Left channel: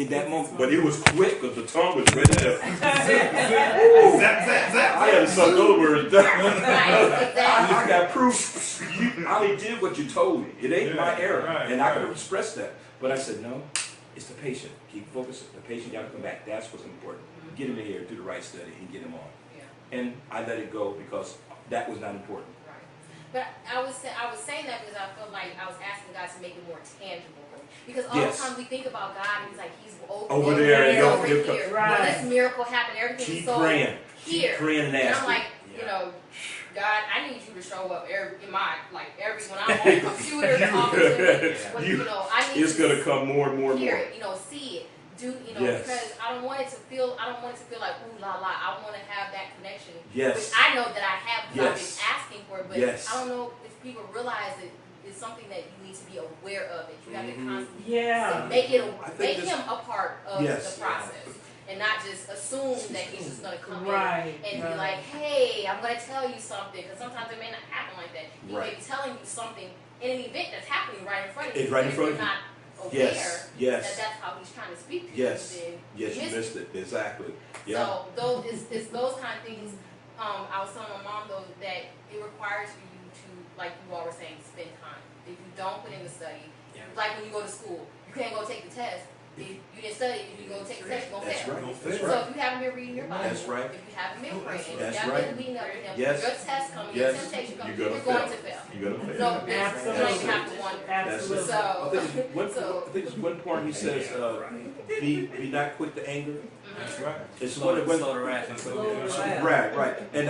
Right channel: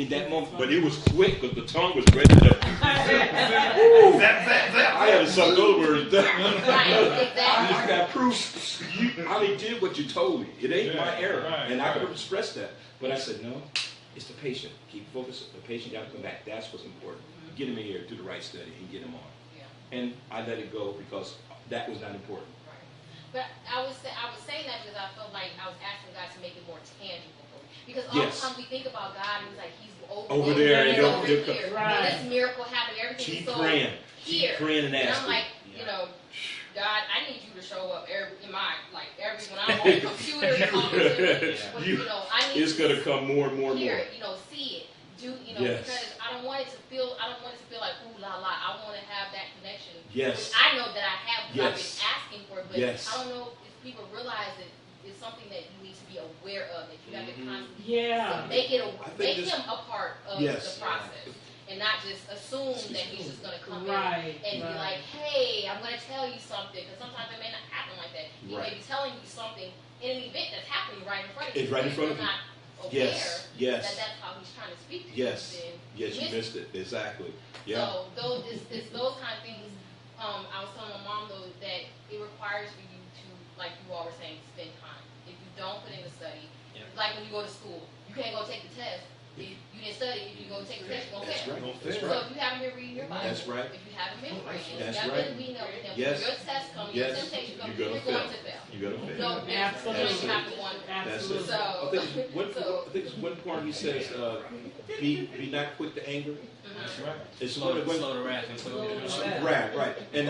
in that moment. But it was quick because the tongue was ready to zap, zap, zap. I had to suck those words down. I just got proof. I only did what you told me. It ain't my error. And I could have expressed that. But I said, no, it's the patient. Keep focused. The patient got to come back. That's what's important. Get him in here, do the right study, and get him on. And I let it go because that was not important. Right. But I was saying that because I felt like I was asking God to make it more tangible for me. Because all the time we think about God and he's like, he's over there and over here. Right. Well, this miracle happened, everything is so praying. here. Keep praying and asking. asking. And I'm like, you know, God, I need you to show up in my, like, when I'm on the computer talking to me. But, you know, I need it's going to come more and more. Hear it, you know, see it. Do, you know, because I don't want it to feel like, ooh, la, la. I want to have that connection. Which I know that I have because I've been asking for it, but I don't know if people realize that it's something that you need to be aware of, that you have to constantly make him a part of the process. And not just assume that he's just going to come in and be like, hey, I'm going to tell you something. Because sometimes it may not happen like that. He may be telling you something in an event that's happening right in front of you. Right in front of you. Not aware that that's how he's trying to speak to you. Yes, you missed it. Exactly. So it's those kind of things. I was telling my mom, though, that it requires for you to, like you all were saying, spend time. If you don't put in the study, like when you go to school, you can't go take the test. If you didn't study, if you go take the test, you're going to fail. So if you haven't been reading your Bible, if you haven't been praying, if you haven't been leading up to him, when your test comes, your temptation comes, you're going to fail. You're going to fail. So you don't even have to wonder. So I think it's one part he says, be not quick to anger. That's right. It's right. And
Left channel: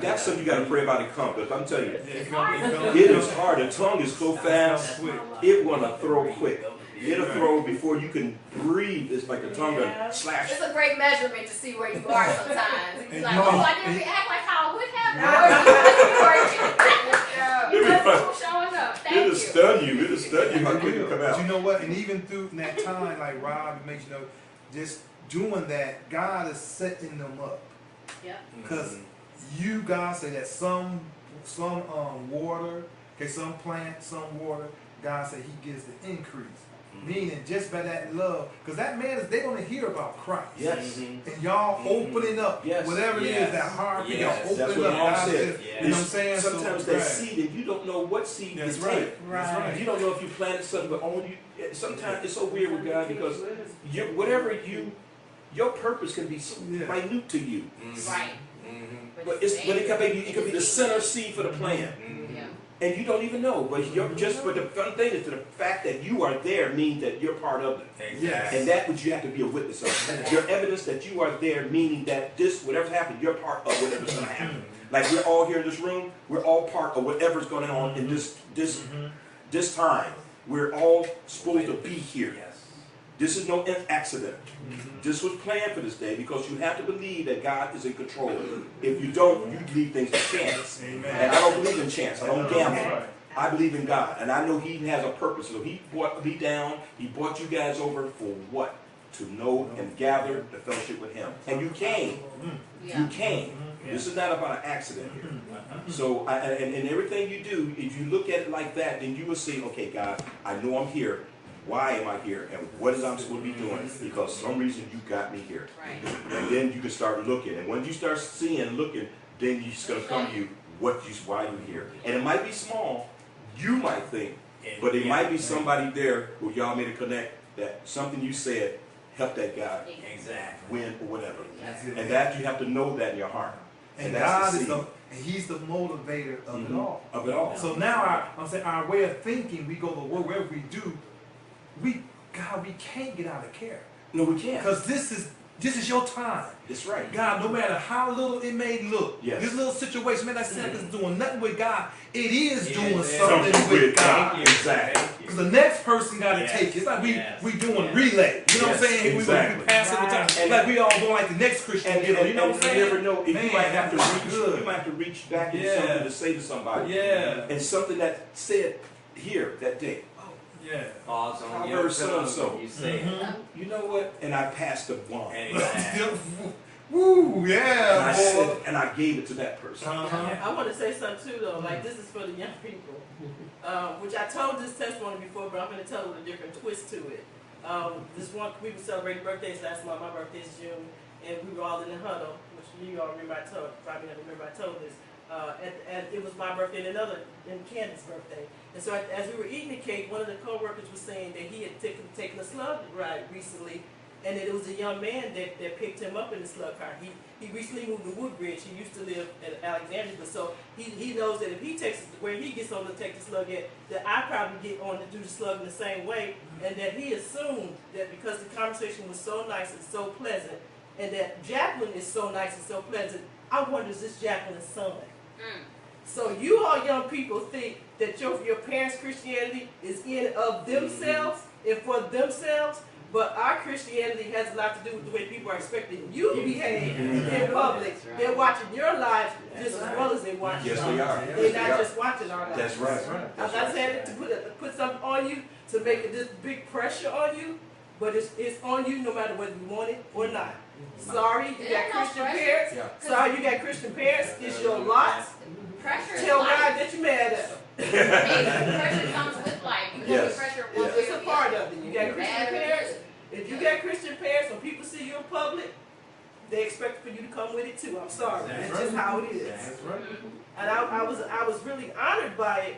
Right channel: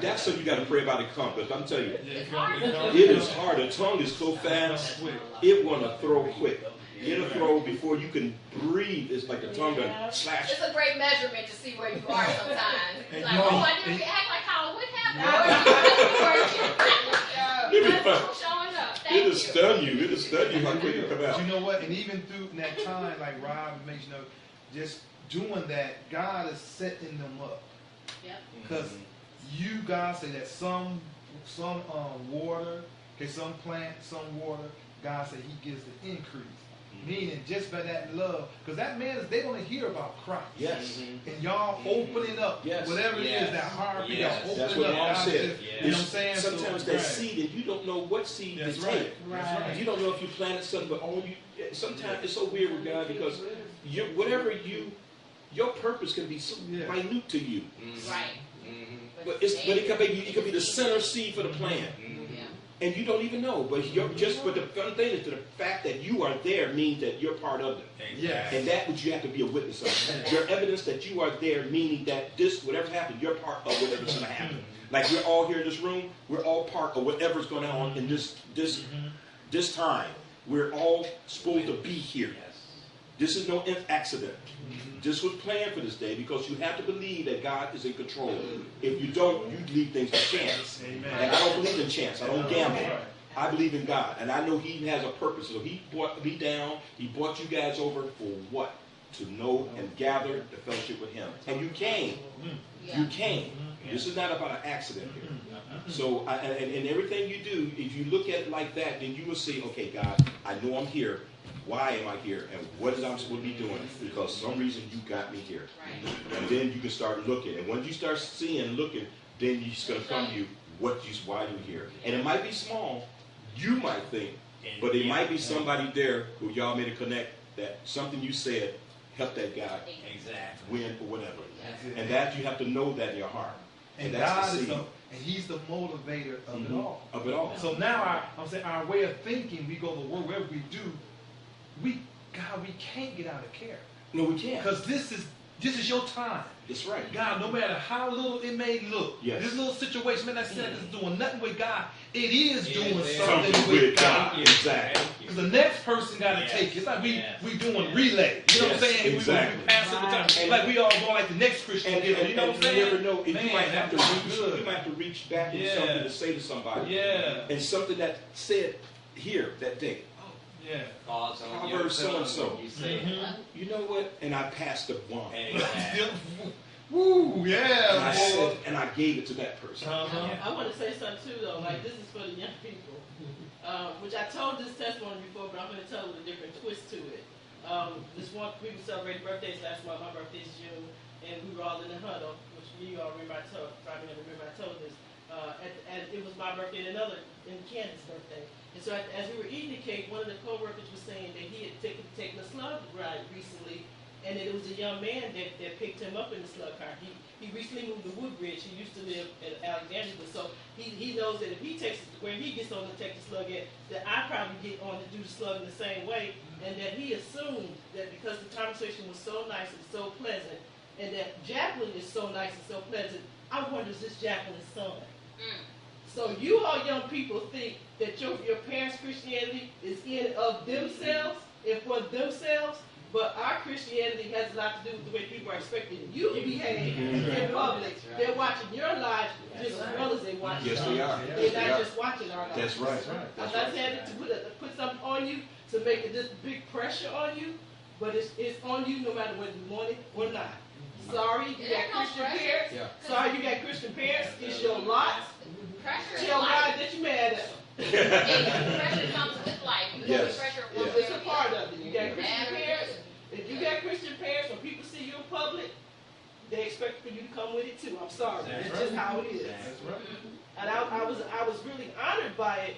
that's something you got to pray about it come. Because I'm telling you, it is hard. The tongue is so fast. It want to throw quick. It'll throw before you can breathe. It's like the tongue will slash. It's a great measurement to see where you are sometimes. It's like, oh, I didn't react like how I would have. Showing up. Thank you. It'll stun you. It'll stun you. But you know what? And even through that time, like Rob makes you know, just doing that, God is setting them up. Yep. Because God said that some water, some plant, some water. God said He gives the increase. Meaning just by that love, because that man they're going to hear about Christ. And y'all opening up whatever it is, that heart, y'all opening up. God is, you know what I'm saying? Sometimes that seed, and you don't know what seed to take. That's right. You don't know if you planted something, but only sometimes it's so weird with God because your purpose can be so minute to you. Right. But it could be the center seed for the plant. And you don't even know, but the fun thing is the fact that you are there means that you're part of it. And that which you have to be a witness of. Your evidence that you are there, meaning that whatever's happened, you're part of whatever's going to happen. Like we're all here in this room, we're all part of whatever's going on in this time. We're all supposed to be here. This is no accident. This was planned for this day because you have to believe that God is in control. If you don't, you leave things to chance. And I don't believe in chance. I don't gamble. I believe in God. And I know He has a purpose. So He brought me down. He brought you guys over for what? To know and gather the fellowship with Him. And you came. You came. This is not about an accident here. So, and everything you do, if you look at it like that, then you will say, okay, God, I know I'm here. Why am I here? And what is I'm supposed to be doing? Because for some reason you got me here. And then you can start looking. And when you start seeing and looking, then it's going to come to you why you're here. And it might be small, you might think, but it might be somebody there who y'all made a connect that something you said helped that guy win or whatever. And that you have to know that in your heart. And God is He's the motivator of it all. Of it all. So now our way of thinking, we go to work, wherever we do, we can't get out of care. No, we can't. Because this is your time. That's right. God, no matter how little it may look, this little situation, man, that is doing nothing with God. It is doing something with God. Exactly. Because the next person got to take it. It's like we doing relay. You know what I'm saying? We pass it with time. Like we all going like the next Christian. You know what I'm saying? You never know. You might have to reach back with something to say to somebody. And something that said here that day. I heard so-and-so. You know what? And I passed the one. Woo, yeah. And I gave it to that person. I want to say something too, though. Like this is for the young people, which I told this testimony before, but I'm going to tell it a different twist to it. we were celebrating birthdays last month. My birthday's June, and we were all in the huddle, which you all remember probably remember I told this. It was my birthday and Candace's birthday. And so as we were eating the cake, one of the co-workers was saying that he had taken a slug ride recently, and that it was a young man that picked him up in the slug car. He recently moved to Woodbridge. He used to live in Alexandria, but so he knows that if he takes where he gets on to take the slug at, that I probably get on to do the slug in the same way, and that he assumed that because the conversation was so nice and so pleasant, and that Jacqueline is so nice and so pleasant, I wonder is this Jacqueline's son? So you all young people think that your parents' Christianity is in of themselves and for themselves, but our Christianity has a lot to do with the way people are expecting you to behave in public. They're watching your lives just as well as they're watching ours. Yes, we are. They're not just watching our lives. That's right. I'm not saying to put something on you to make it this big pressure on you, but it's on you no matter whether you want it or not. Sorry, you got Christian parents. Sorry, you got Christian parents. It's your lot. Pressure Tell God that you're mad at them. Pressure comes with life. You Yes. pressure one way It's or a the part other. of it. You got Christian parents. If you got Christian parents, when people see you in public, they expect for you to come with it too. I'm sorry. That's just how it is. That's right. And I was really honored by it.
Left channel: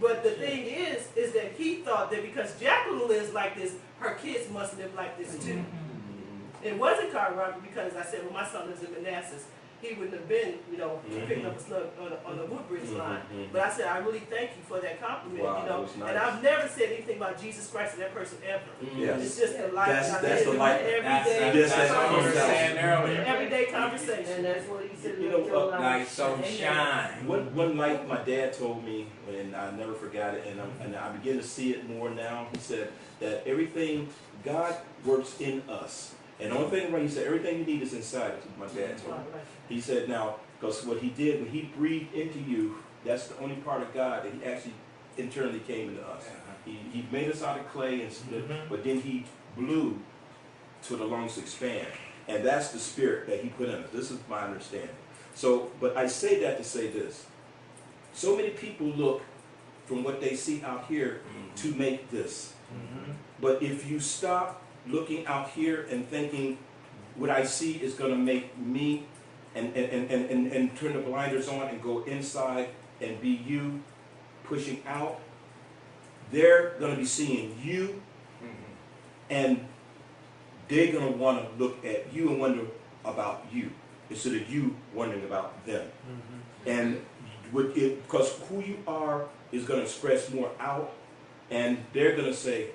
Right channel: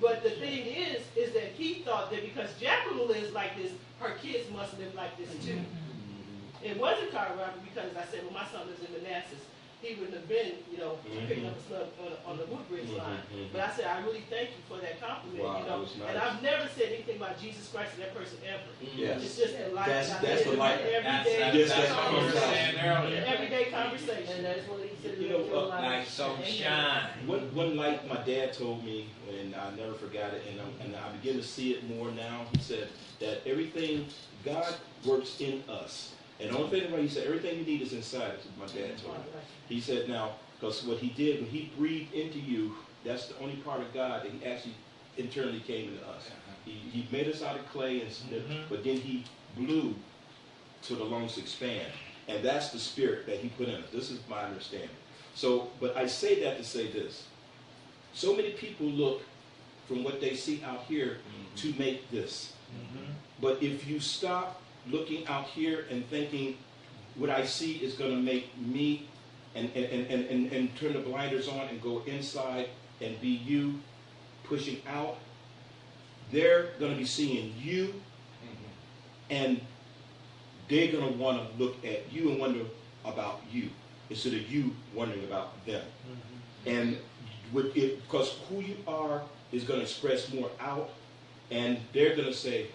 But the thing is that he thought that because Jacqueline lives like this, her kids must live like this too. It wasn't car robbery because I said, well, my son lives in Manassas. He wouldn't have been, picking up a slug on the Woodbridge line. But I said, I really thank you for that compliment, Wow, that was nice. And I've never said anything about Jesus Christ to that person ever. Yes. It's just a life. That's the life. That's what you were saying earlier. Everyday conversation. And that's what he said. Nice sunshine. One light my dad told me, and I never forgot it, and I begin to see it more now. He said that everything, God works in us. And the only thing right, he said, everything you need is inside us, my dad told me. He said, now, because what he did, when he breathed into you, that's the only part of God that he actually internally came into us. He made us out of clay, but then he blew to the lungs expand. And that's the spirit that he put in us. This is my understanding. So, but I say that to say this. So many people look from what they see out here to make this. But if you stop looking out here and thinking what I see is going to make me and turn the blinders on and go inside and be you pushing out, they're going to be seeing you and they're going to want to look at you and wonder about you instead of you wondering about them. And because who you are is going to express more out, and they're going to say,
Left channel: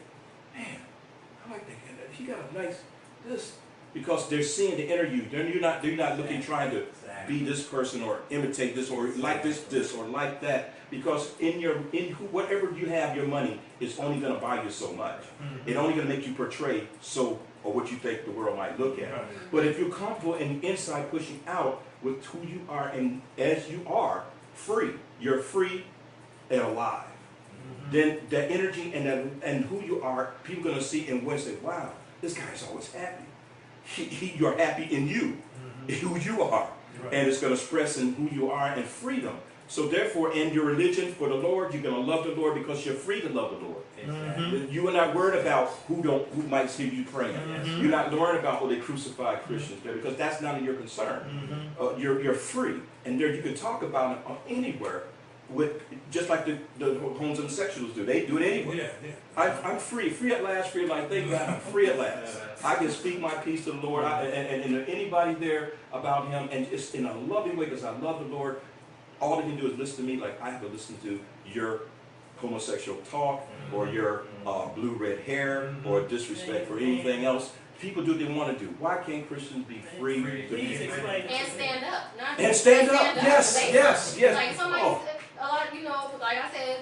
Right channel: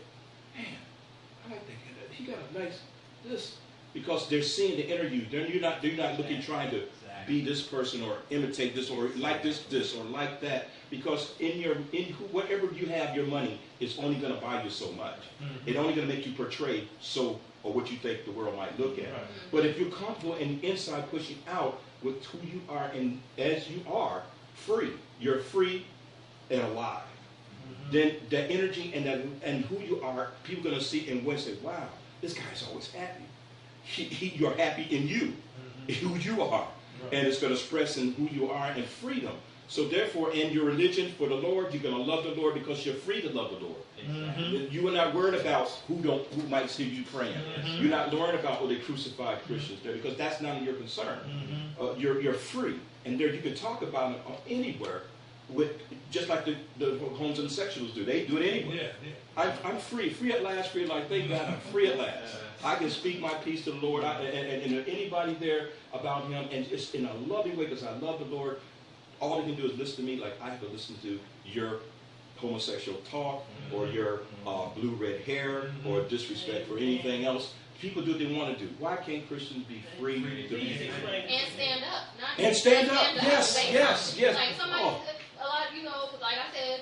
man, I like that guy. He got a nice this. Because they're seeing the inner you. They're not looking, trying to be this person or imitate this or like this or like that. Because whatever you have, your money is only going to buy you so much. It's only going to make you portray or what you think the world might look at. But if you're comfortable and inside pushing out with who you are and as you are, free, you're free and alive. Then the energy and who you are, people are going to see and will say, wow, this guy's always happy. You're happy in you, who you are. And it's going to express in who you are and freedom. So therefore, in your religion for the Lord, you're going to love the Lord because you're free to love the Lord. You are not worried about who might see you praying. You're not worried about they crucified Christians there because that's none of your concern. You're free. And there you can talk about it anywhere just like the homosexuals do. They do it anyway. I'm free at last, free at last. Thank God I'm free at last. I can speak my peace to the Lord and anybody there about him, and it's in a loving way because I love the Lord. All they can do is listen to me like I have to listen to your homosexual talk or your blue-red hair or disrespect for anything else. People do what they want to do. Why can't Christians be free? And stand up. And stand up. Yes. Like somebody, a lot, like I said,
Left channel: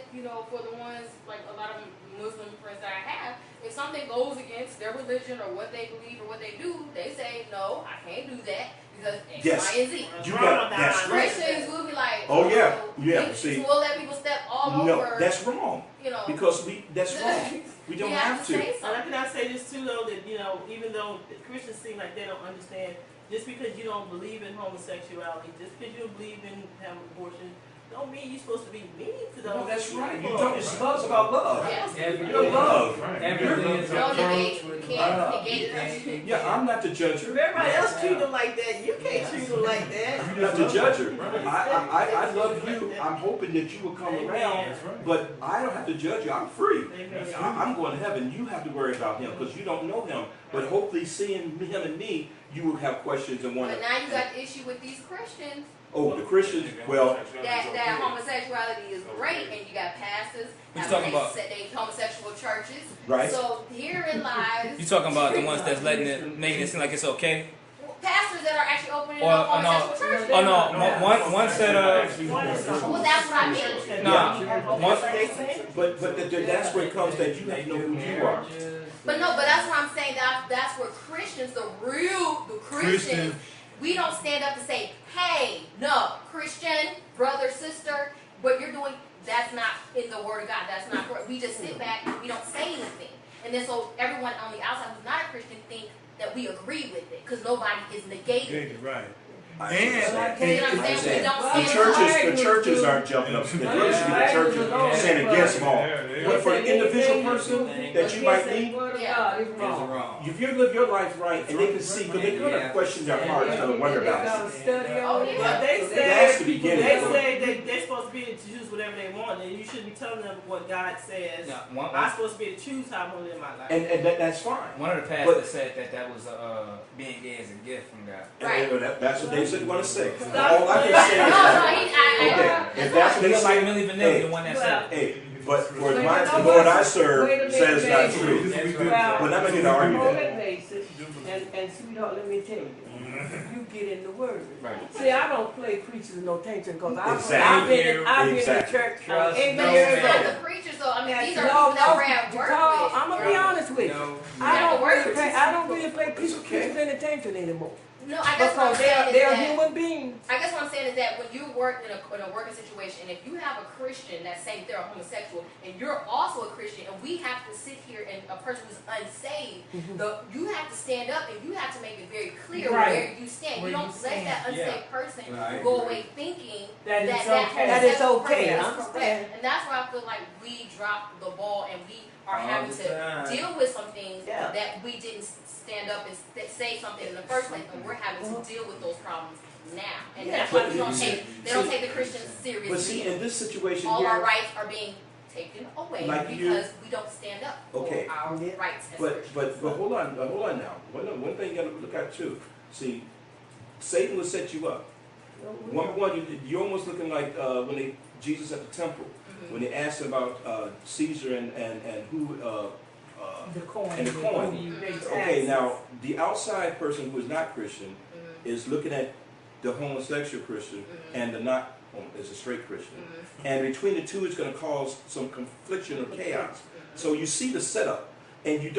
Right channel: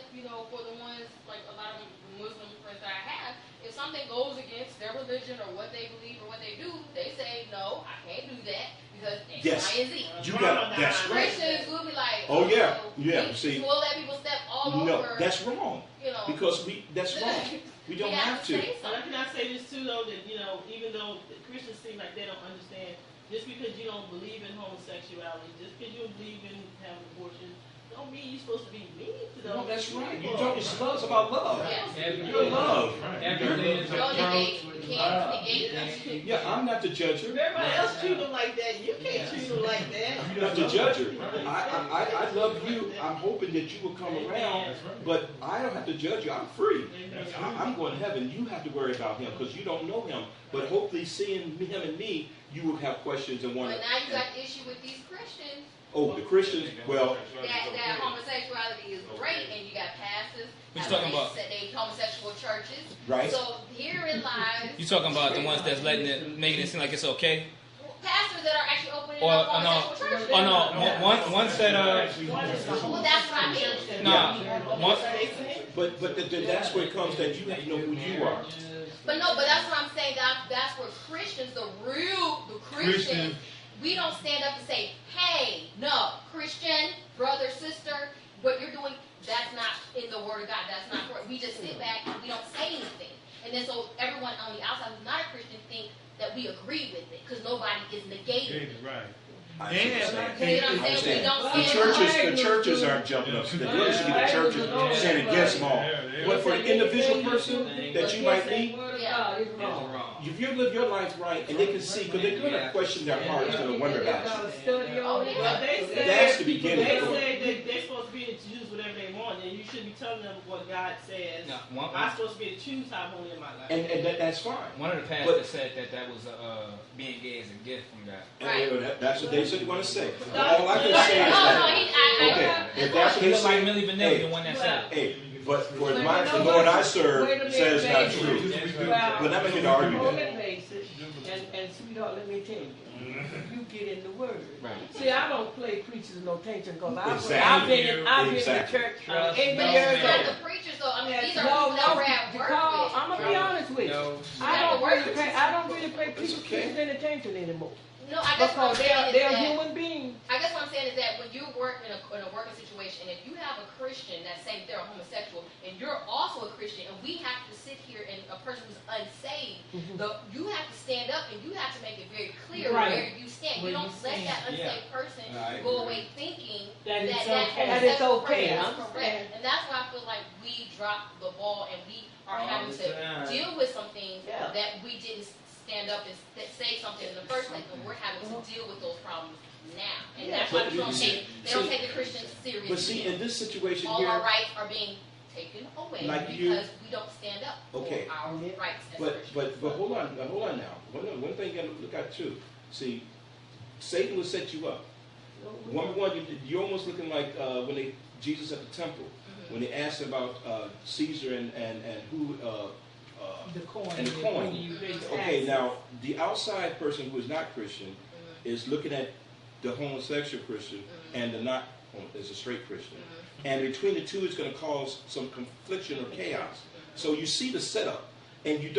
for the ones, like a lot of Muslim friends that I have, if something goes against their religion or what they believe or what they do, they say, no, I can't do that because X, Y, and Z. That's Christians will be like, see, we'll let people step all over. That's wrong. Because that's wrong. We don't have to. And can I say this too, though, that even though Christians seem like they don't understand, just because you don't believe in homosexuality, just because you don't believe in having abortion, don't mean you're supposed to be mean to to those. No, that's right. You don't. It's love's about love. Yes. You're love. Everything is No approached negate. with You can't love. negate. Yeah, I'm not the judger. If everybody else treat them like that, you can't treat them like that. I'm not the judger. I love you. I'm hoping that you will come around, but I don't have to judge you. I'm free. I'm going to heaven. You have to worry about him because you don't know him. But hopefully seeing him and me, you will have questions and wonder. But now you got the issue with these Christians. Oh, the Christians, well. That homosexuality is great, and you got pastors that they homosexual churches. Right. So herein lies. You talking about the ones that's making it seem like it's okay? Pastors that are actually opening up homosexual churches. Oh no, one said Well, that's what I mean. But that's where it comes that you have to know who you are. But that's what I'm saying. That's where Christians, the Christians, we don't stand up to say, hey, no, Christian, brother, sister, what you're doing, that's not in the Word of God. That's not correct. We just sit back and we don't say anything. And then so everyone on the outside who's not a Christian think that we agree with it because nobody is negating. Right. You see what I'm saying? We don't stand The churches aren't jumping up. The churches stand against them all. But for the individual person that you might meet, if you live your life right and they can see, because they're going to question their heart and wonder about it. Oh, yeah. But they say That's the beginning. they're supposed to be able to choose whatever they want, and you shouldn't be telling them what God says. I'm supposed to be able to choose how I want to live my life. And that's fine. One of the pastors said that was being gay as a gift from God. Right. That's what they said want to say. No, All I can say is I if that's what they It's say, like Millie Vanilli, the one that said it. hey, but for the Lord I serve says not true. But I'm going to argue that. And sweetheart, let me tell you, you get in the Word. See, I don't play preachers and no tension because I've been in the church. Trust but it's not the preachers, though. I mean, these are people that we're at work with. I'm gonna be honest with you. I don't really pay preachers any attention anymore. No, I guess what I'm saying is they're that human beings. I guess what I'm saying is that when you work in a working situation, and if you have a Christian that's saying they're a homosexual, and you're also a Christian, and we have to sit here and a person who's unsaved, you have to stand up and you have to make it very clear where you stand. You don't let that unsaved person go away thinking that it's okay. Is correct. And that's why I feel like we dropped the ball and we are having to deal with some things that we didn't stand up and say something in the first place, and we're having to deal with those problems now. And that's why they don't take the Christians seriously. But see, in this situation all here, our rights are being taken away because we don't stand up for our rights as Christians. But hold on now. One thing you got to look at too. See, Satan will set you up. Number one, you're almost looking like when Jesus at the temple, when they asked about Caesar and who. The coin. And the coin. Okay, now the outside person who is not Christian is looking at the homosexual Christian and the not is a straight Christian, and between the two it's going to cause some confliction or chaos. So you see the setup, and you're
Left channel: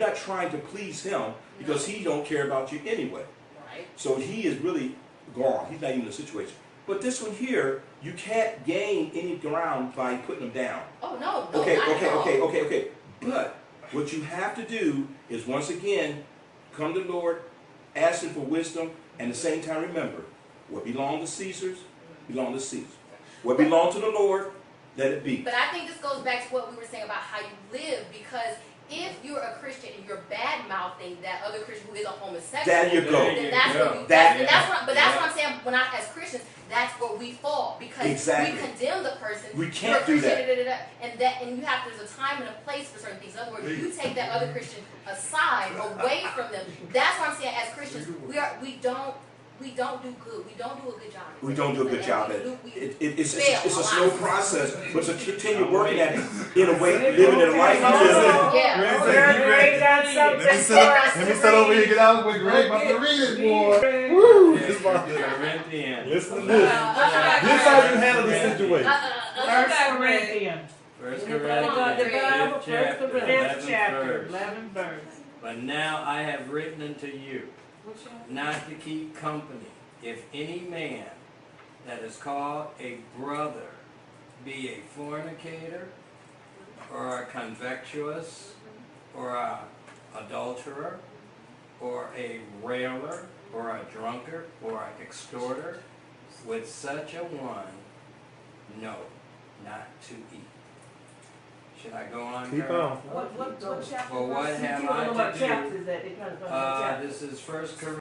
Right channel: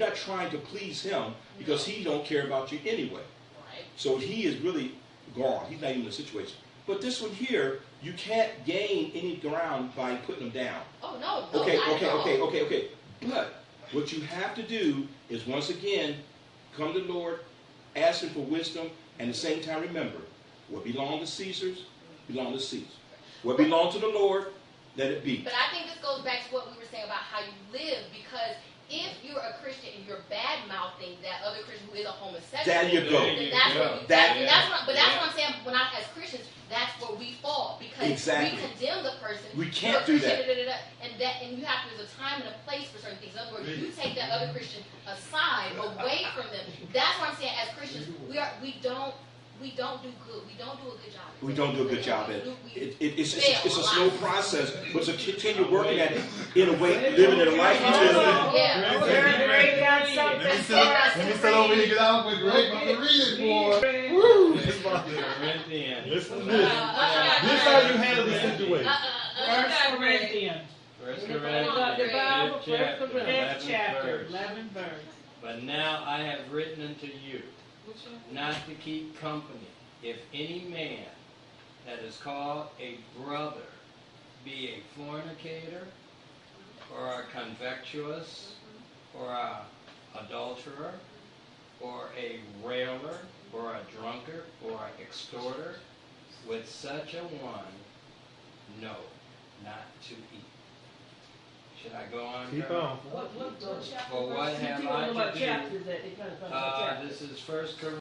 not trying to please him because he don't care about you anyway. Right. So he is really gone. He's not even in the situation. But this one here, you can't gain any ground by putting him down. Oh no, Okay. not But what you have to do is, once again, come to the Lord, ask him for wisdom, and at the same time remember, what belongs to Caesar's, belong to Caesar. What belongs to the Lord, let it be. But I think this goes back to what we were saying about how you live, because if you're a Christian and you're bad-mouthing that other Christian who is a homosexual, there you go. then that's what I'm saying. When as Christians, that's where we fall, because we condemn the person. We can't do that. And you have there's a time and a place for certain things. In other words, you take that other Christian aside, away from them. That's what I'm saying. As Christians, we don't do good. We don't do a good job. We don't do a good job at it. It's a slow process, but to continue working at it in a way, living a life. Let me sit over here and get out with Greg. I'm about to read it, boy. Woo! Listen to this. This is how you handle the situation. First Corinthians, 5th chapter, 11th verse. But now I have written unto you, not to keep company, if any man that is called a brother be a fornicator, or a convictuous, or a adulterer, or a railer, or a drunkard, or an extorter, with such a one, no, not to eat. Should I go on? Keep Carol? on. What chapter? For what have You don't know I what to chapter do? is that? It kind of This is 1 Corinthians.